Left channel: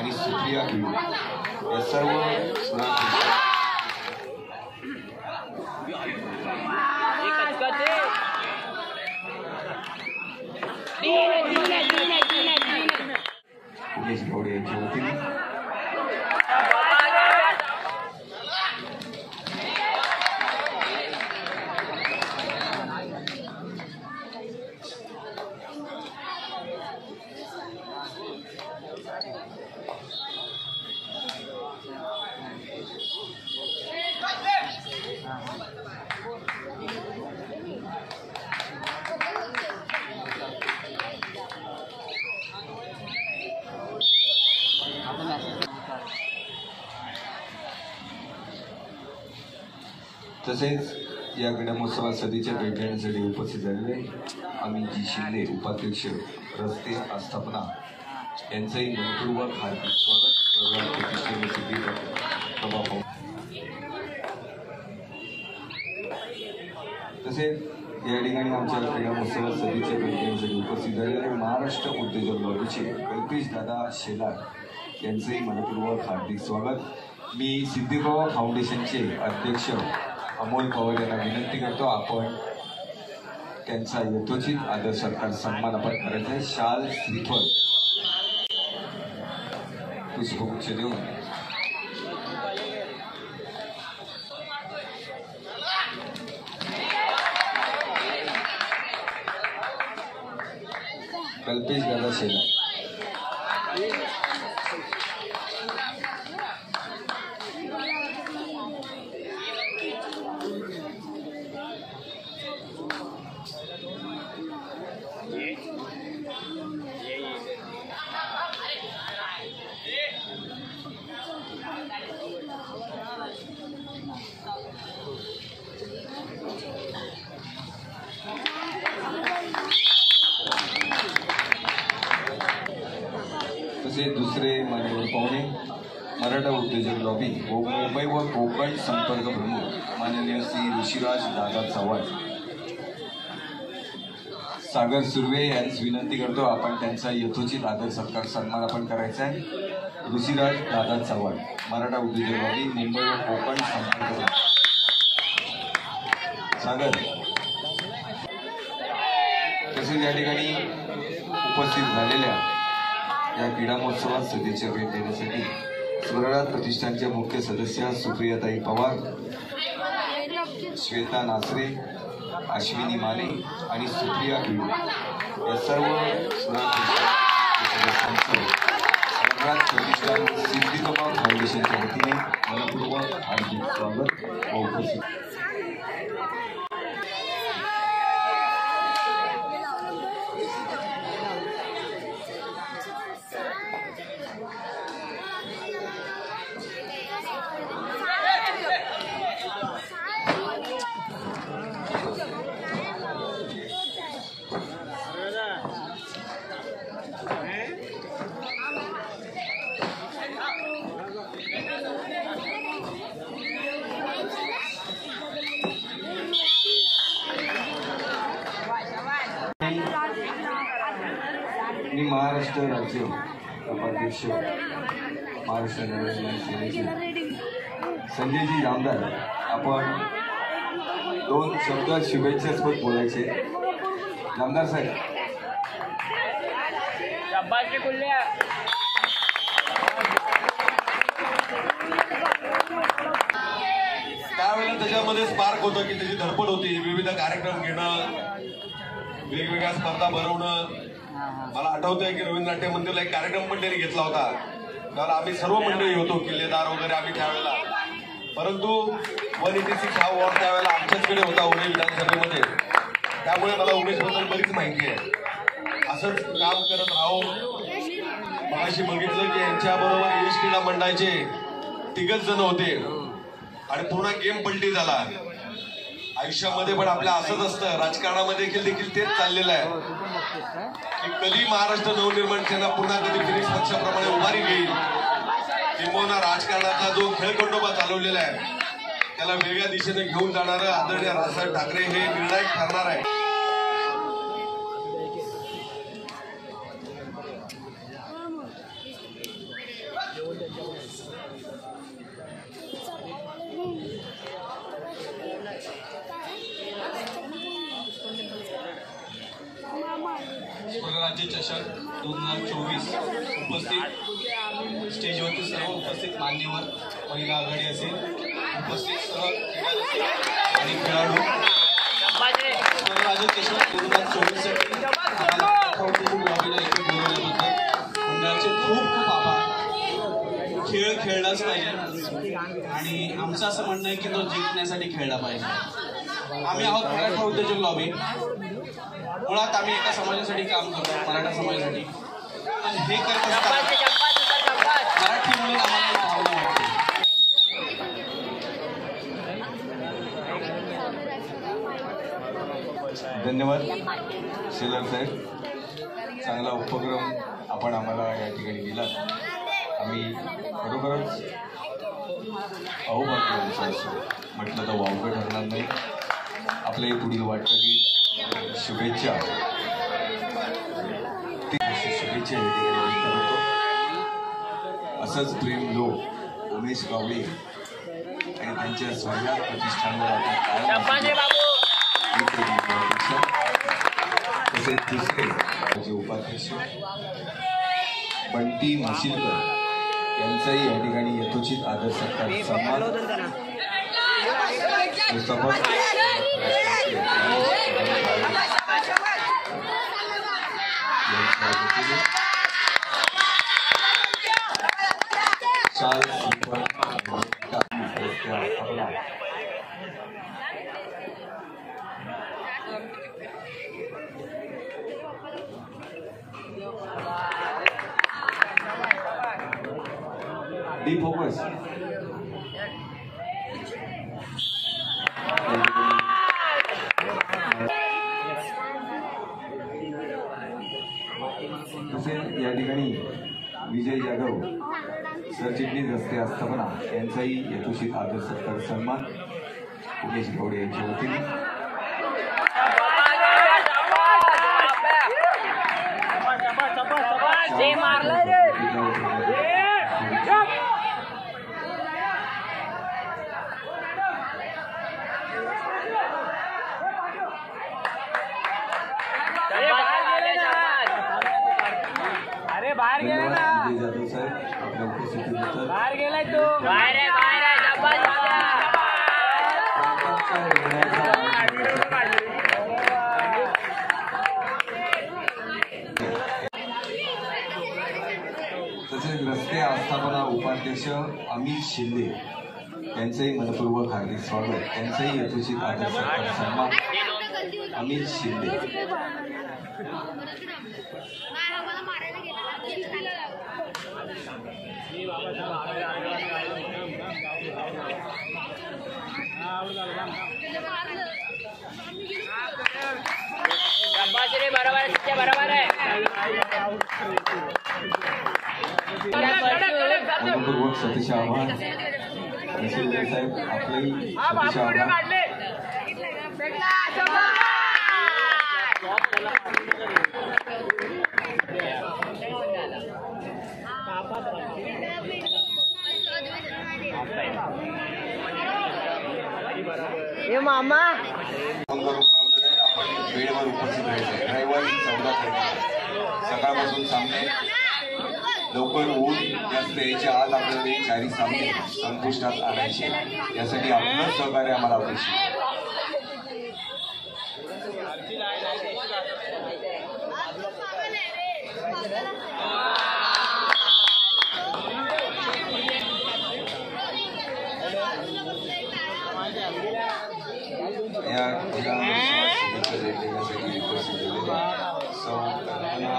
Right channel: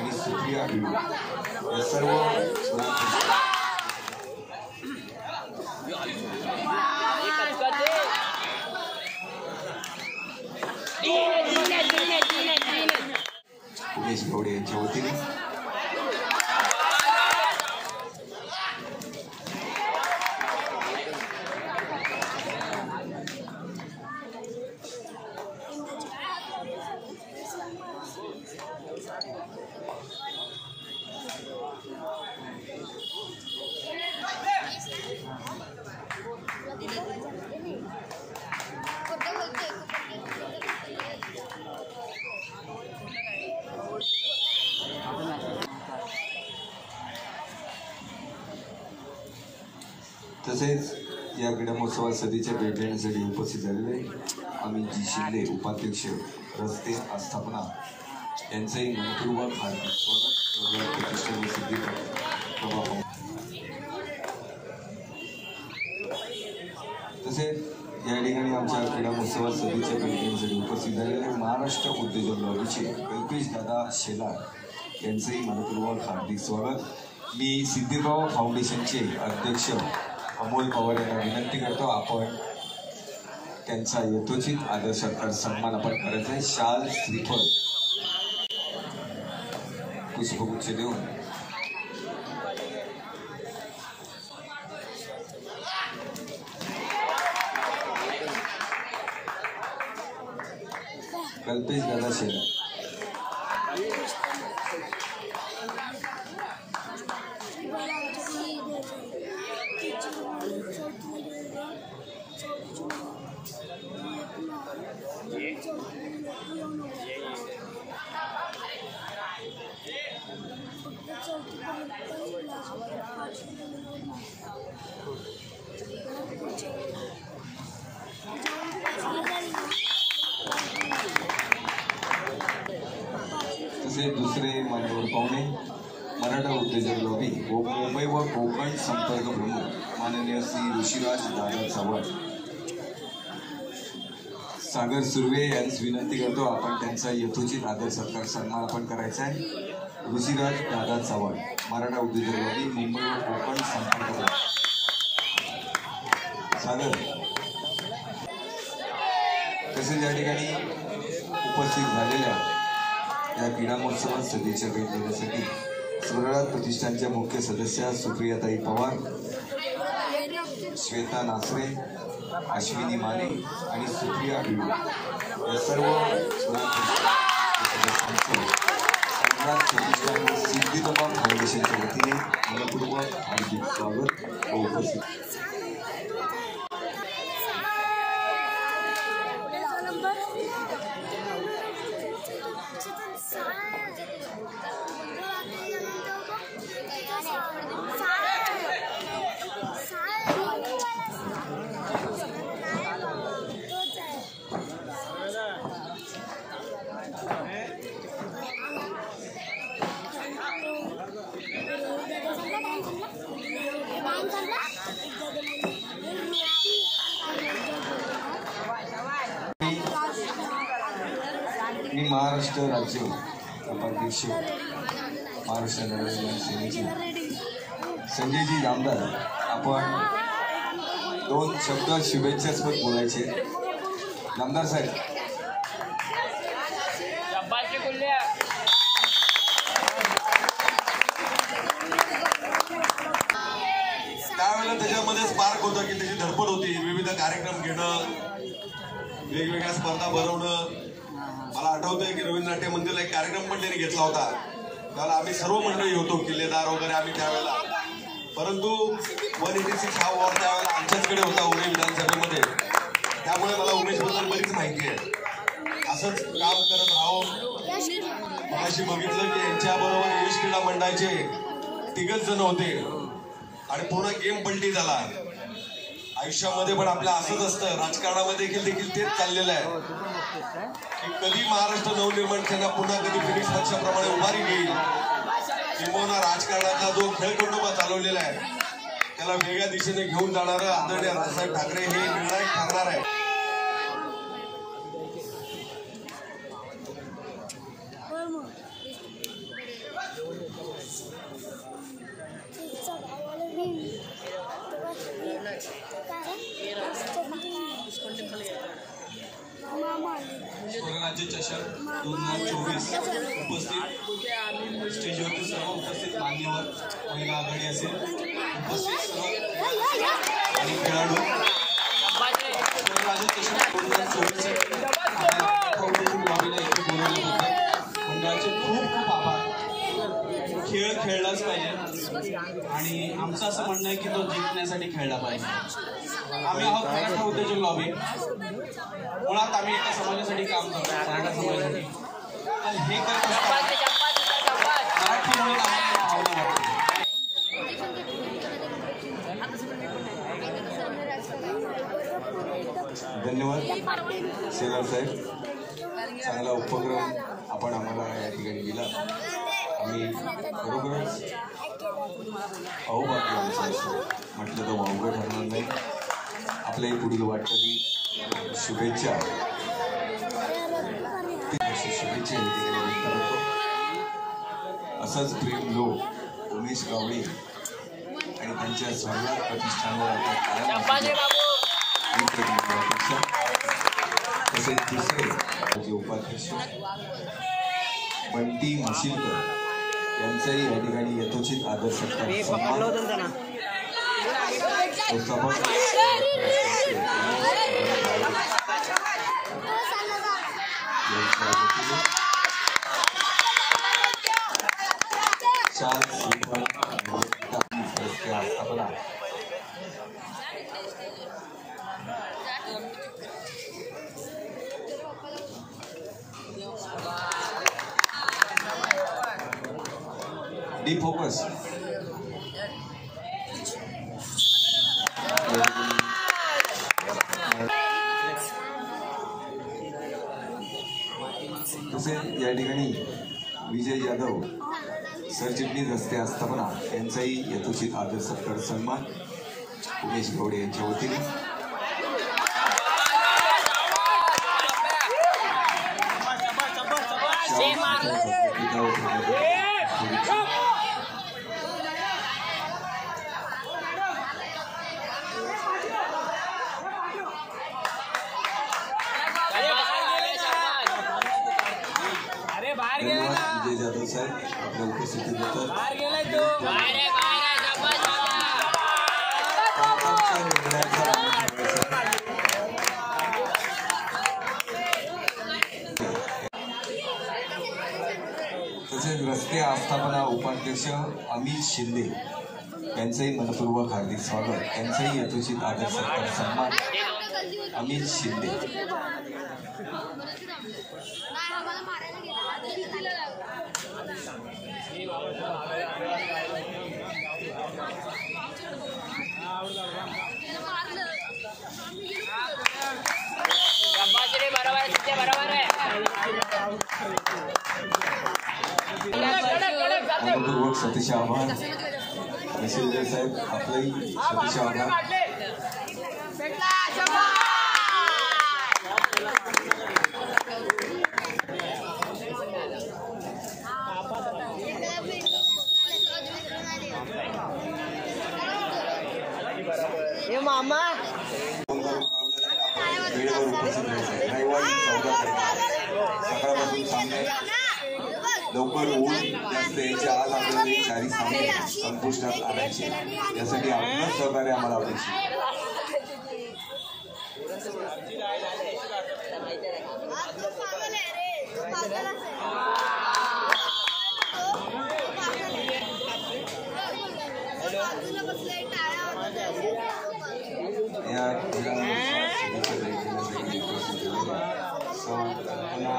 आणि सुप्रिया भिडू या सर्व उमेश गौडे यांच्या वतीने तसेच या क्रीडा महोत्सवात सदीच्या भेट देण्यासाठी उपस्थित झालेले अमितजी शिंदे उपाध्यक्ष रस्ते आस्थापना यांचंही मनपूर्वक हार्दिक स्वागत. प्रतिष्ठान सिद्धी प्रभाव तसेच या ठिकाणी आमच्या क्रीडा महोत्सवात सदीच्या भेट देण्यासाठी उपस्थित झालेले महाराष्ट्र उद्योजक लॉबीचे कल्पेश दादा शेलार यांचंही मनपूर्वक हार्दिक स्वागत. मी सिद्धिप्रभा फाउंडेशनचे अध्यक्ष अमोल पवार यांना विनंती करतो आपण त्यांचा यथोचित आदर सत्कार सन्मान आपण करायचा आहे. शाल श्रीफळ पुष्पगुच्छ देऊन कल्पेश दादा शेलार तसे दुसरे मान्यवर पाहुणे मराठा उद्योजक लॉबी व मुंबई व कोकण संपर्क प्रमुख माननीय श्री ऋषिराज दादा चव्हाण सागर सुर्वे यांस विनंती करतो आपण त्यांचा यथोचित आदर सत्कार सन्मान आपण करायचा आहे. ऋषिराज दादा चव्हाण मराठा उद्योजक लॉबी मुंबई व कोकण संपर्क प्रमुख सागर. तसेच या ठिकाणी उपस्थित झालेल्या या क्रीडा महोत्सवात सदीच्या भेट देण्यासाठी स्वराज प्रतिष्ठानच्या मुख्य सदस्या सुप्रियाताई पवार, श्वेता नासरे, अश्विनी माने आणि सुप्रिया भिडू या सर्व सदस्यांचं स्वराज प्रतिष्ठान सिद्धिप्रभा फाउंडेशनच्या वतीने मनपूर्वक हार्दिक स्वागत व उपस्थित. मी महाराष्ट्र राज्य उपाध्यक्ष महाराष्ट्र नवनिर्माण सेनेचे संजयजी जामदार आपण 2 शब्द शुभेच्छास्पद बोलायचे. जामदार साहेब त्यावेळेला त्याच्यामध्ये स्पार्क होतं की त्याची धडपड होती, विविध कार्यक्रम घेणं, वेगवेगळ्या स्पर्धा भरवणं. मला आठवतंय की रवींद्र नाट्य मंदिरला एक कार्यक्रम पण त्यांनी घेतला होता, त्याला आम्ही सर्व मंडळी होतो, किल्लेदार वगैरे आम्ही त्यावेळेला. परंतु 186 हा वॉर्ड त्यावेळेला आमच्याचकडे होता उरे विधानसभेमध्ये, त्यामुळे मला उमेशबद्दल बरीच माहिती आहे. असंच काम करत राहो. मगाशी बघितलं की यांच्याबरोबर यश क्रीडा मंडळाचे 3 जण होते आणि पूर्ण गेम पलटी झाला. आयुष्यामध्ये पण आपल्या असंच असतं, राजकारणामध्ये देखील तेच चाललेलं आहे की कधी महाराष्ट्र नवनिर्माण सेना पुन्हा कधी फिनिक्स पक्षाप्रमाणे उभारी घेईल, किंबहुना राजकारणाचा जो खेळखंडोबा चालवलेला आहे त्याला वेगळ्या दिशेने घेऊन जाणारं आदरणीय राजसाहेब ठाकरे हे निर्णायक ठरणार आहे. चषक 2024 उपस्थित स्टेजवरती सर्व उपस्थित मान्यवर महिला आघाडी असेल उपस्थित सर्व क्रीडारसिक आणि खेळाडू राजन चषक 2024 साठी आम्हाला लॉबीला इथे बोलवल्याबद्दल मंडळाचे खूप खूप आभार. खेळ खेळलाच पाहिजे आणि आमचं असं म्हणणं आहे की तो जिंकण्यासाठी खेळला पाहिजे. आम्ही आहोत मराठा उद्योजक लॉबी. मुळात आम्ही एका समाजासाठी काम करतो, मराठा समाजासाठी. पण हे करत असताना मराठी म्हणून आम्हाला भावना वाटते. धन्यवाद शेलार साहेब. चांगला उपक्रम आपण आम्हाला या ठिकाणी दिला. आम्ही बरोबरच अहोभाग्य आमचं असं म्हटलं तर वावगं ठरणार नाही. आपल्याही पुढील वाटचाली शुभेच्छा या ठिकाणी व्यक्त करतो. असंच प्रेम लोक उमेश गावडे आणि त्यांच्या स्वर्गात प्रतिष्ठानवर आता कायम अपेक्षा. तसेच दुसरे जे उपाध्यक्ष बंटी म्हशीलकर यांचाही या ठिकाणी यथोचित आदर सत्कार सन्मान. संस्थापक शाल स्थापना डी फोकस तसेच या ठिकाणी विजय यादव सरचिटणीस रस्ते आस्थापना यांचाही यथोचित आदर सत्कार सन्मान उमेश गवडे यांच्या वतीने. धन्यवाद विजय जाधव साहेब आपल्या उपस्थितीबद्दल. तसेच रस्ते आस्थापना उपाध्यक्ष अमित शिंदे यांचंही मनपूर्वक हार्दिक स्वागत. त्यांचंही यथोचित आदर सत्कार सन्मान अमित शिंदे. मनपूर्वक सतीश आभार. शिंदे साहेब आपलंही सतीश आभार. मामा वेळेवर उपस्थित राहायचं. रविवारी 14 तारखेला सकाळपासून सामने लवकर ऊन जास्त यायच्या आज आपल्याला हे चारही सामने संपुष्टात आणायचे. यासाठी आपलं सहकार्य आम्हाला अपेक्षित. या शुभेच्छा देण्यासाठी उपस्थित झालेल्या सौ कल्पना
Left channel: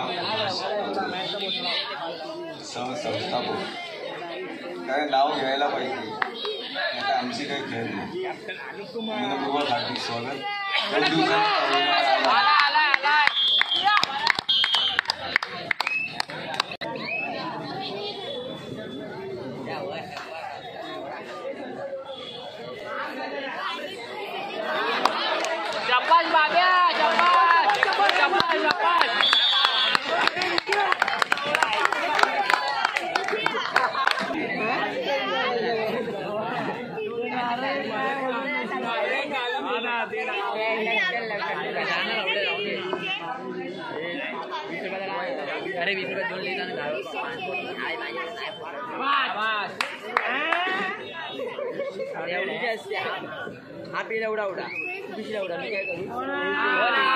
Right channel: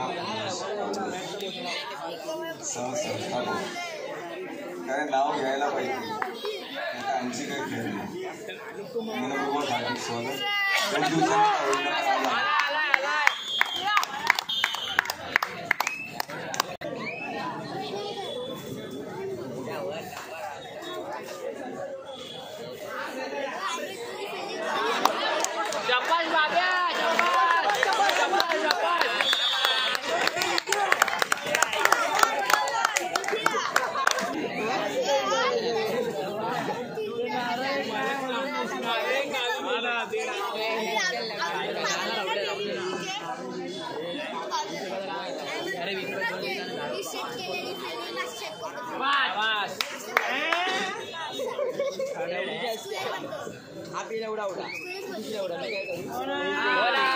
सहसंस्थापक काय नाव घ्यायला पाहिजे आता आमची काही खेळ नाही. मनपूर्वक हार्दिक स्वागत. 2 दिवसांनी आला. जाणार आपल्याला एवढा उडा पिछला उडा मी काय करू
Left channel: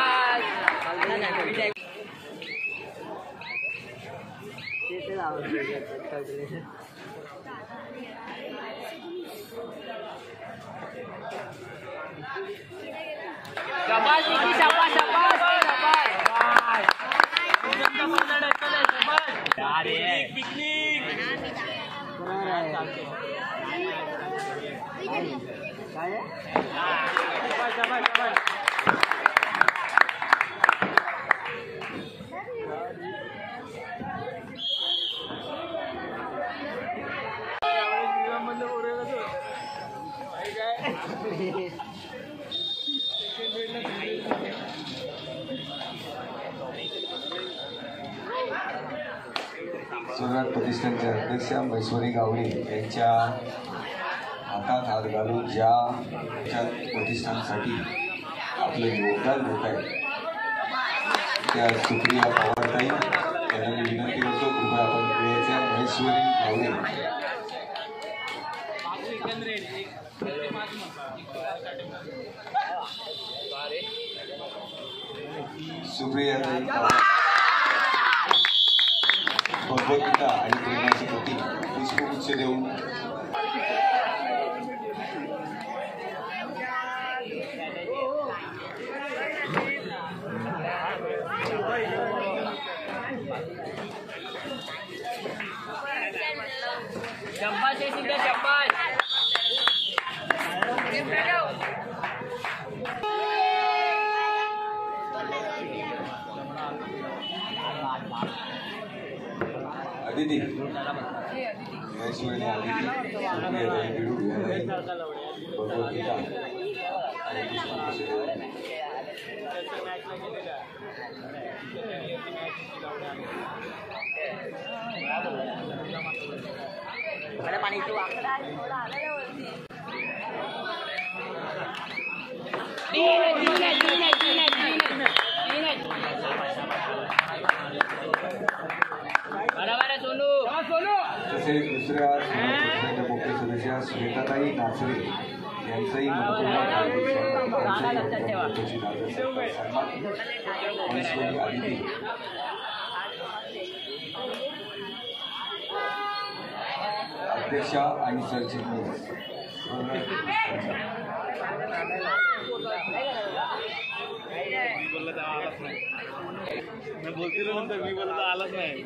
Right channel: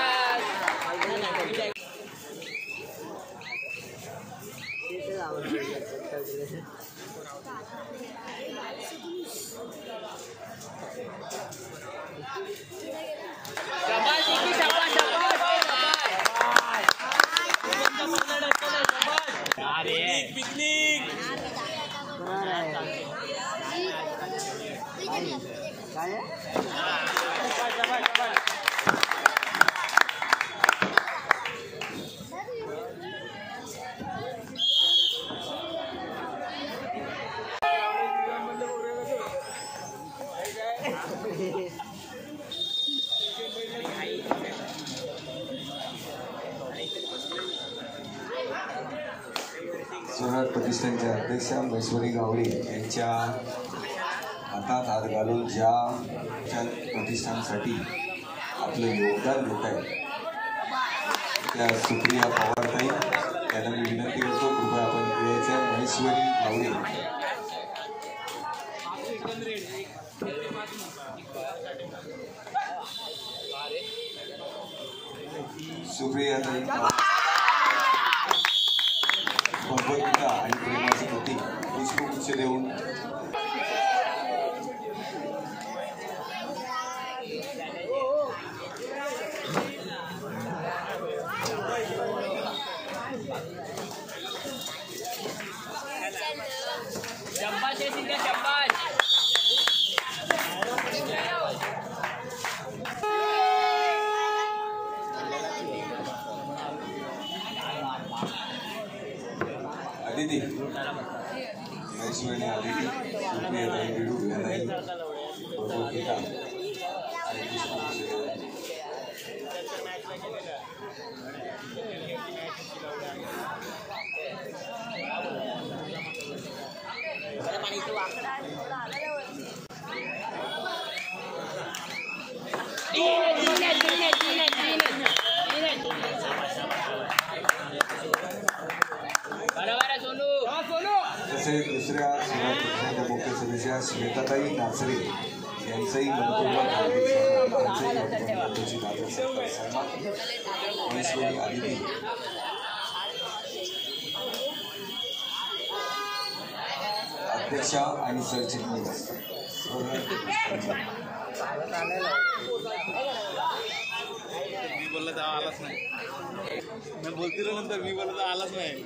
स्वराज प्रतिष्ठानचे अध्यक्ष मैश्वरी गावडे यांच्या हातात हात घालून ज्या प्रतिष्ठानसाठी आपलं योगदान देत आहे त्या सुप्रिया पवारताई त्यांना मी विनंती करतो कृपया आपण वेळेचे मैश्वरी गावडे सुप्रियाताई पवार भगवद्गीता आणि प्रेमाची गती पुष्पगुच्छ देऊन अदिती मैसूरने अदिती सुप्रियाताई बिडू यालाही भगवद्गीता आणि पुष्पगुच्छ देऊन पाणी तसेच दुसऱ्या स्वराज मुख्य सदस्या श्वेताताई नाचरे यांचंही मनपूर्वक हार्दिक स्वागत सन्मान मैश्वरी अदिती अध्यक्षा आणि सरचिटणीस बोलतील नंतर मी बोलत आलाच नाही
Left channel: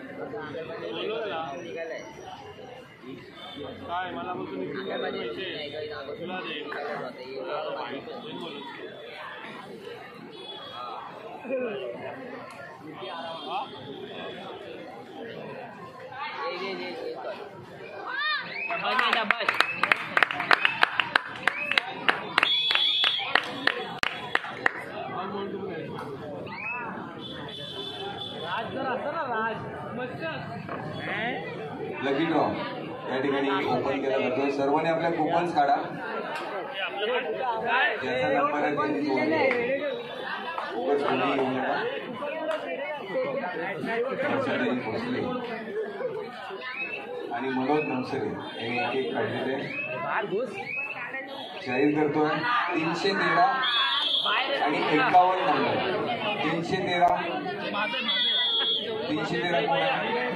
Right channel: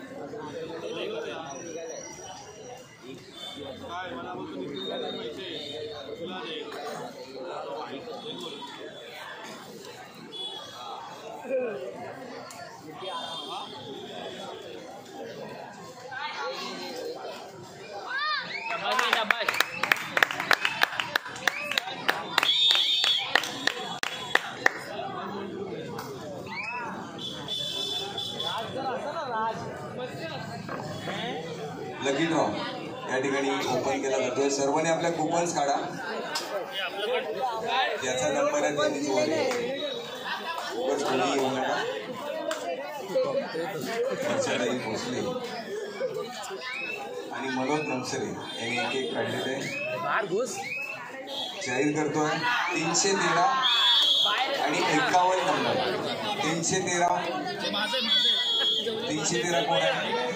लकी ड्रॉ या ठिकाणी ओपन केला जातोय. सर्वांनी आपल्या कुपन्स काढा. याचा नंबर आहे त्यांनी खूपच कोणी येऊ नका. वर्षाताई भोसले आणि मनोज नवसरे यांनी एक एक काढलेले जाहीर करतोय. 313 आणि 51 नंबर 313 कोण आहे?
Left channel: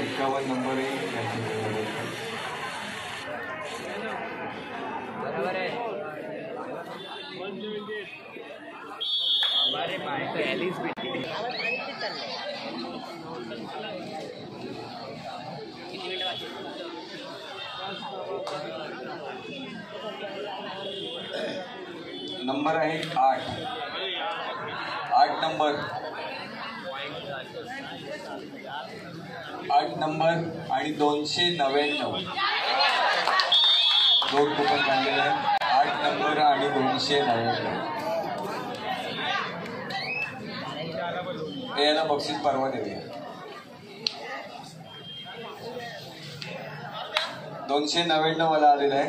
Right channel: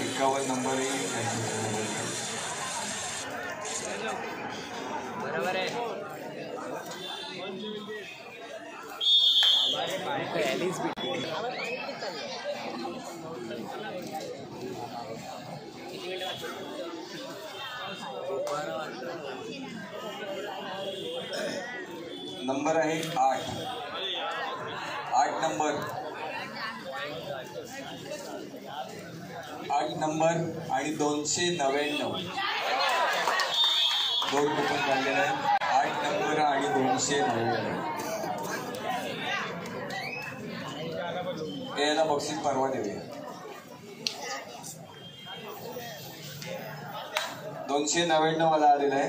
51 नंबर आहे. बरोबर आहे. नंबर आहे 8 नंबर 8 नंबर आणि 299 दोन कुपन काढलेले आहेत. 8 नंबर आणि 299 याला बक्षीस परवा देऊया. 299 वाला आलेला आहे.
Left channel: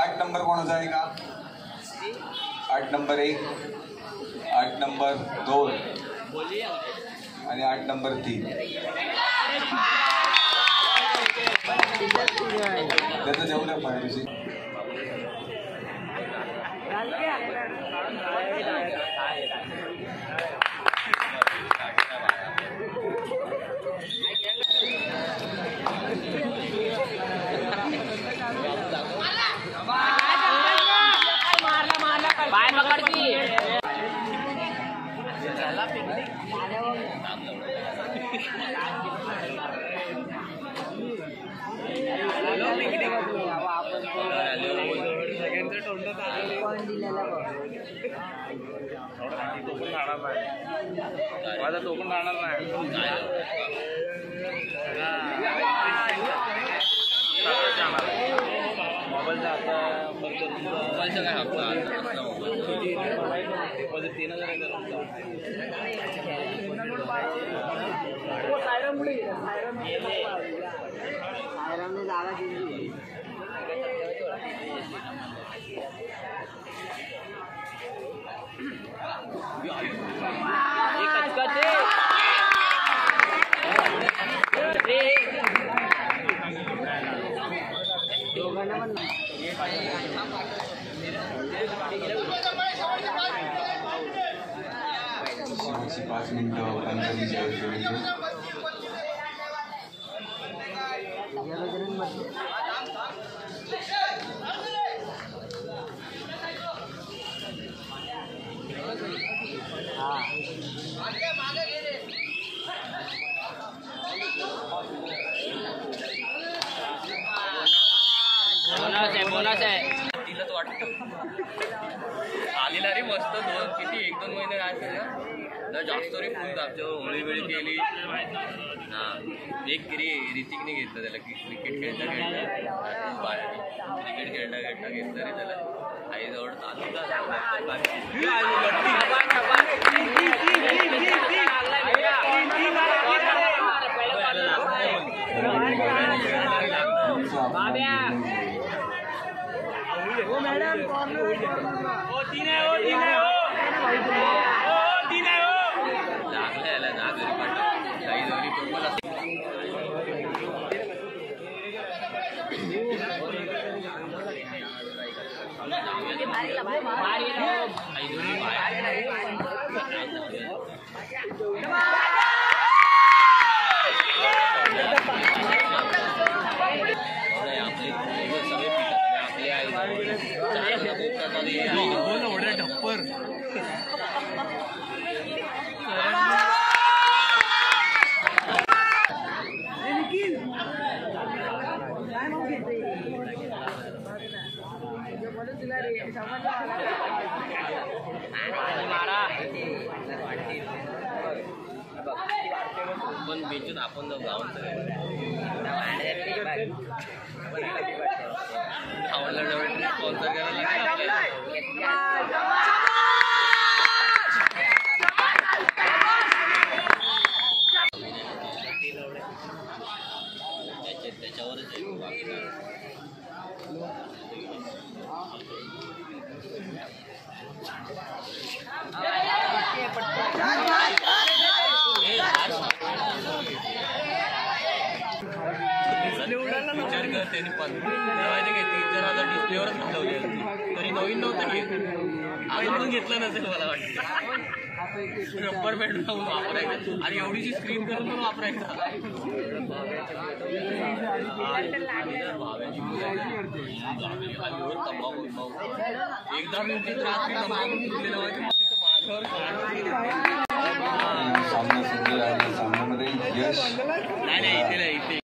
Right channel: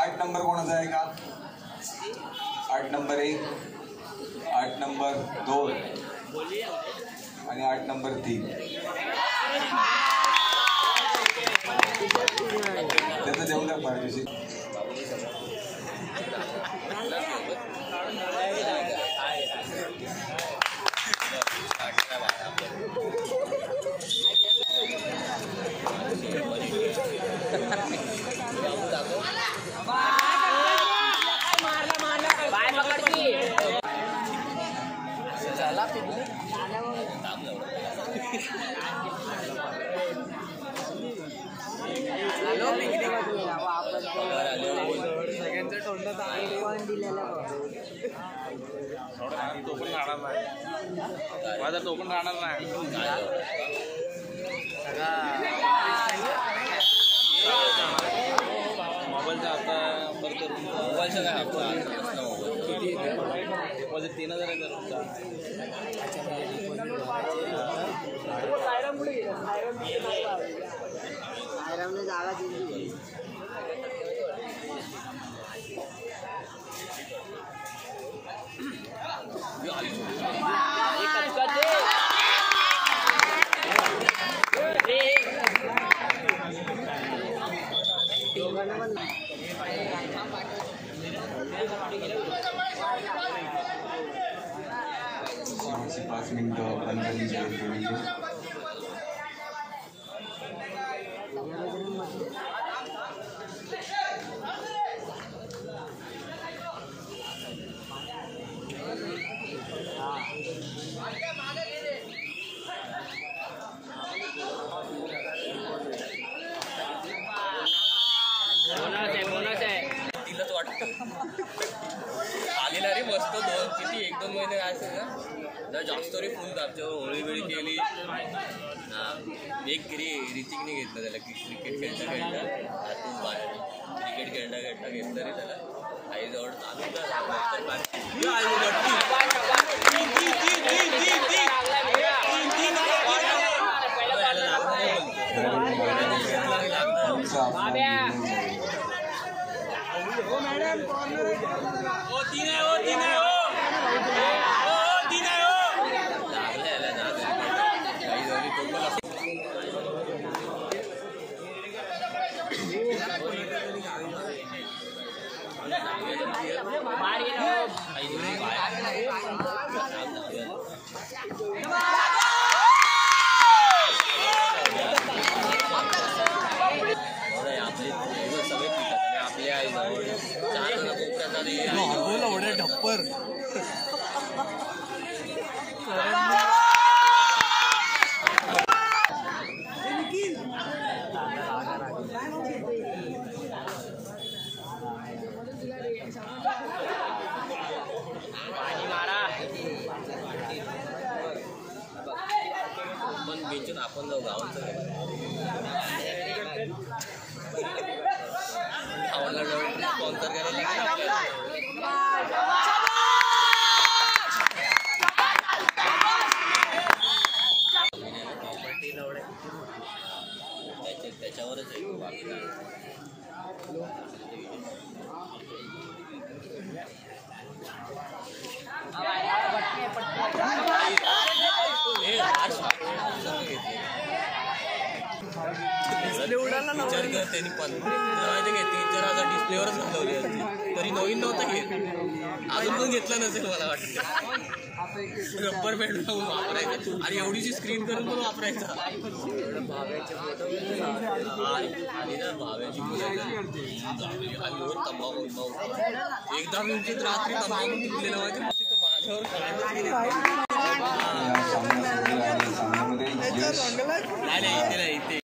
8 नंबर कोणाचा आहे का? 8 नंबर 1, 8 नंबर 2, आणि 8 नंबर 3. त्याचं देऊ द्या पाठीशी. माझा तो पण राहणार नाही. मोबाईलचा आता मोबाईलचा काय म्हणजे 3000 जागा दिली. शेवटची 5 मिनिटं पंचायती जाहीर केली. दिलंच वाटतं आलेला रे मस्त. किती 1-2 महिने असेल ना तर जास्त रे फुल दाबच्यावर होळी वेळी केली. हां एक गिरी ऋतिकने घेतलं त्याला की क्रिकेट खेळता घेतलं रे त्याला आईजवळ. आपण बेचून आपण जाऊ गावाचं आवडला जवळ स्पॉन्सर करायला लागेल. त्याच्यावरच विचार कर त्यांनी माहिती काय 3-4 हजार डिस्प्लेवरच घालवली होती तरी नवीन नव्हतं घेत. अजून पण घेतलं नसेल मला वाटतं. रब्बर बँड लावून वापरायचं आणि एवढीशी स्क्रीन करून पण वापरायचं. एकदा मी रात्री तंबाखू फुटलेलं माहिती माझ्यावर सामना सुरू आणि सामन्यामध्ये यश नाही इथे